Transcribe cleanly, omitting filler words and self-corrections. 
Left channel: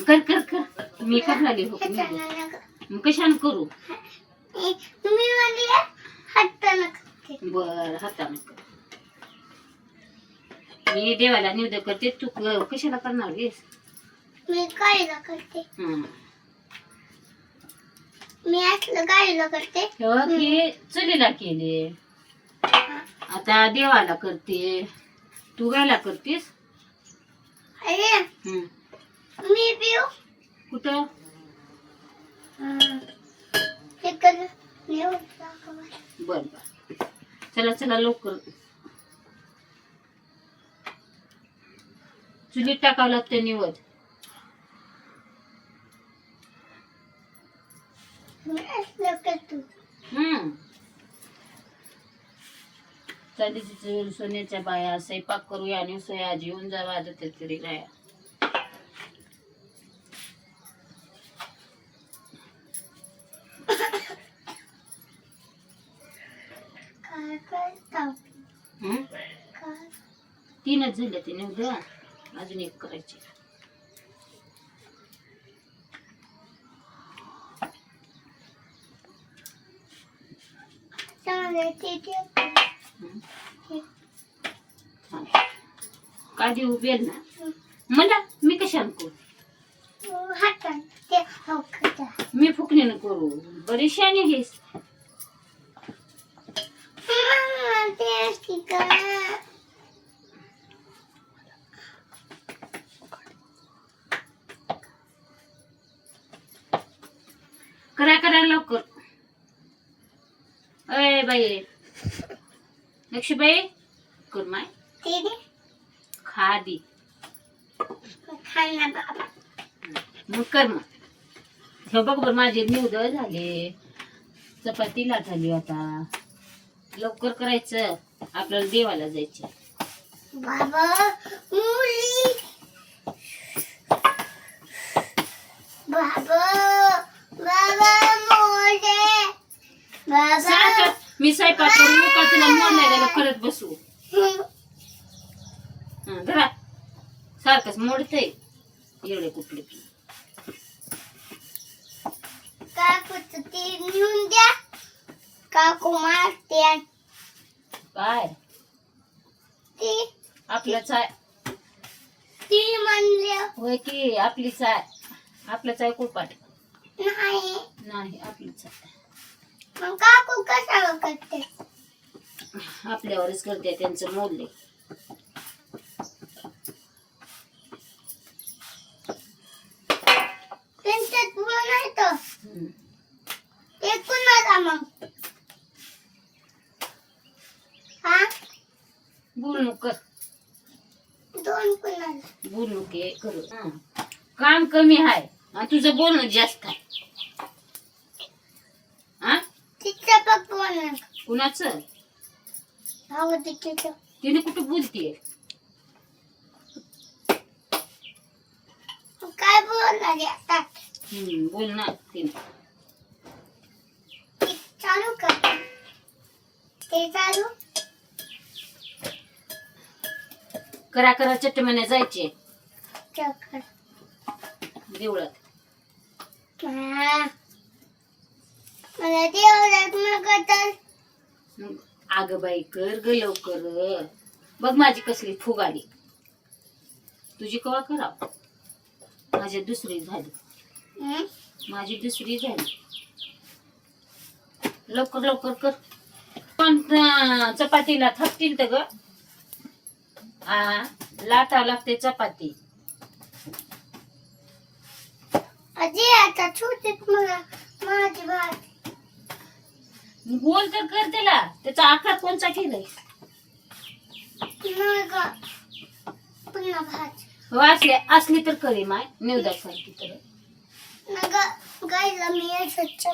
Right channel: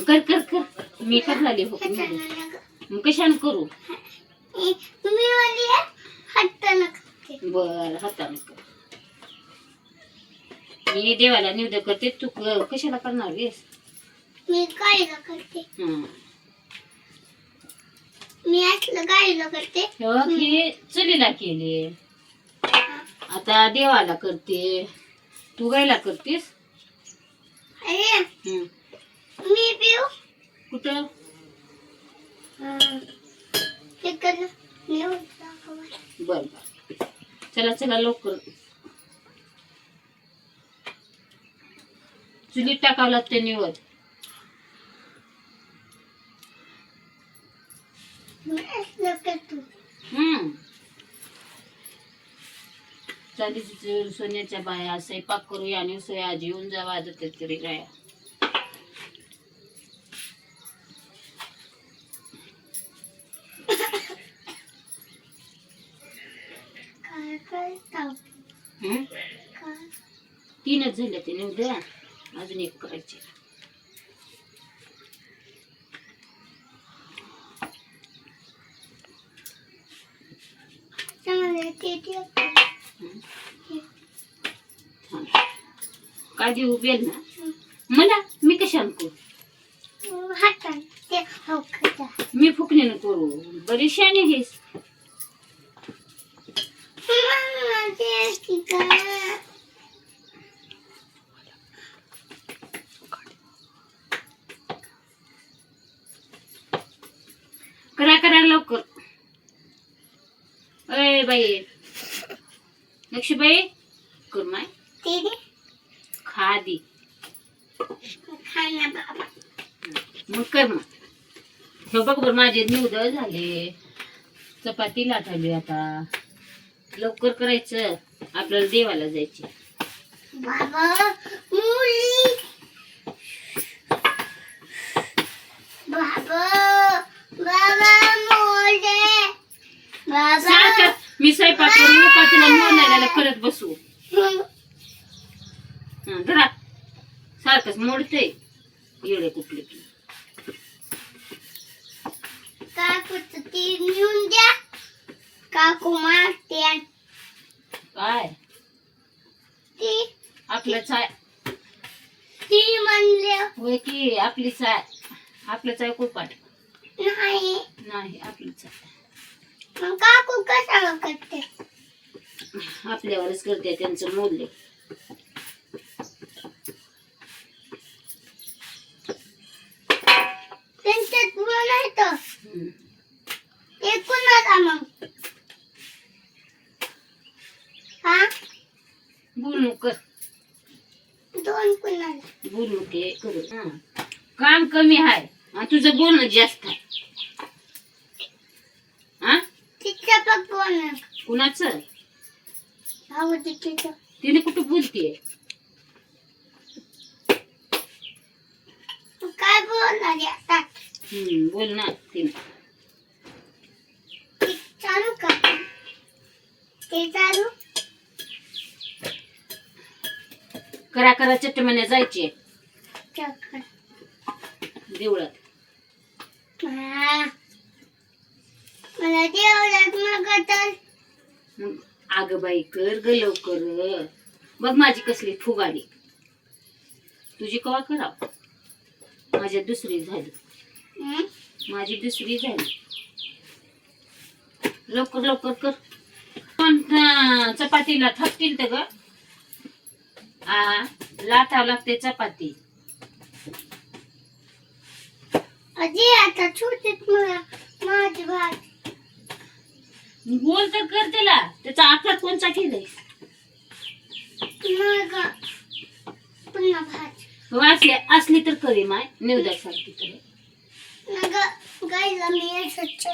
कर कर कर मी करणार हो मग कशाने करू बर हाताने कर मी देवाला निवेदन करते तू कशाला करणार आहेस मी गायला करते मी असलं गायला करते हे चलीला केले आता देवाला करते तू गायला करतेस अरे मी पिऊ कुठं बर बर चला चला लवकर चुलीत टाकावं लागतं निवड चांदीची सोन्याच्या बाया स्वयंपाक करूया आणि सोया जेवून जावा वाजत तरी गाया तीनच झाले ते उद्या अजून एक करायचे काय देऊ बेल ना मला मी कशाने करू मी फुकणीनं करू बरी शाणी आहेस करा करा लवकर अय बाई लक्ष्मीबाई कर माय खादी मग कर मग हे बघ बर माझे निवड झाले चपाती लाटली आता लवकर करायचं आपल्याला देवाला जायचे बाबा मुली बाबा बाबा मोरे बाबा मी स्वयंपाक करून का तुला मोडायला करत बसू धरा सारखंच मोडतय येडे कुठले की काकूच ती नेऊन द्या काकू मारते काय ती आपलंच आहे ती म्हणले होय की आपलीच आहे आपलंच आहे कुळपाट नाही नाही आपलीच आहे मग काकू कशाला करते आपल्यावरच करते त्यांचं मोडले त्यांच्यात म्हणायचं ते कुणाला मग हा बोलू कर दोन कुणाला बोलू के करू काम कमी आहे आणि तुझं बोलणं जास्त आहे तिच्या पप्पा कुणाचं भाऊ तिच्या तिने कुठं बोलतीये काय बोलणार आता बोल ना तिने चालू कर ते चालू करा करा चटमने जायचे चक्कर देवळात मला देवळात मग तर मग अग बाई कर ग लवकर बघ माझी कसली फुगाडी तुझी कवा कराव माझी दुसरी झाली माझी दुसरी झाली लवकर लवकर कर पण चपातीला थापतील तर ग लाटावं लागते चपाती अजी आता छोटीच मला माझी भात गोल तर कर त्याला त्याचा आकार कोणचा केलाय पुन्हा भात असली तर करी माय निवदासारखी तर गायला मी स्वच्छ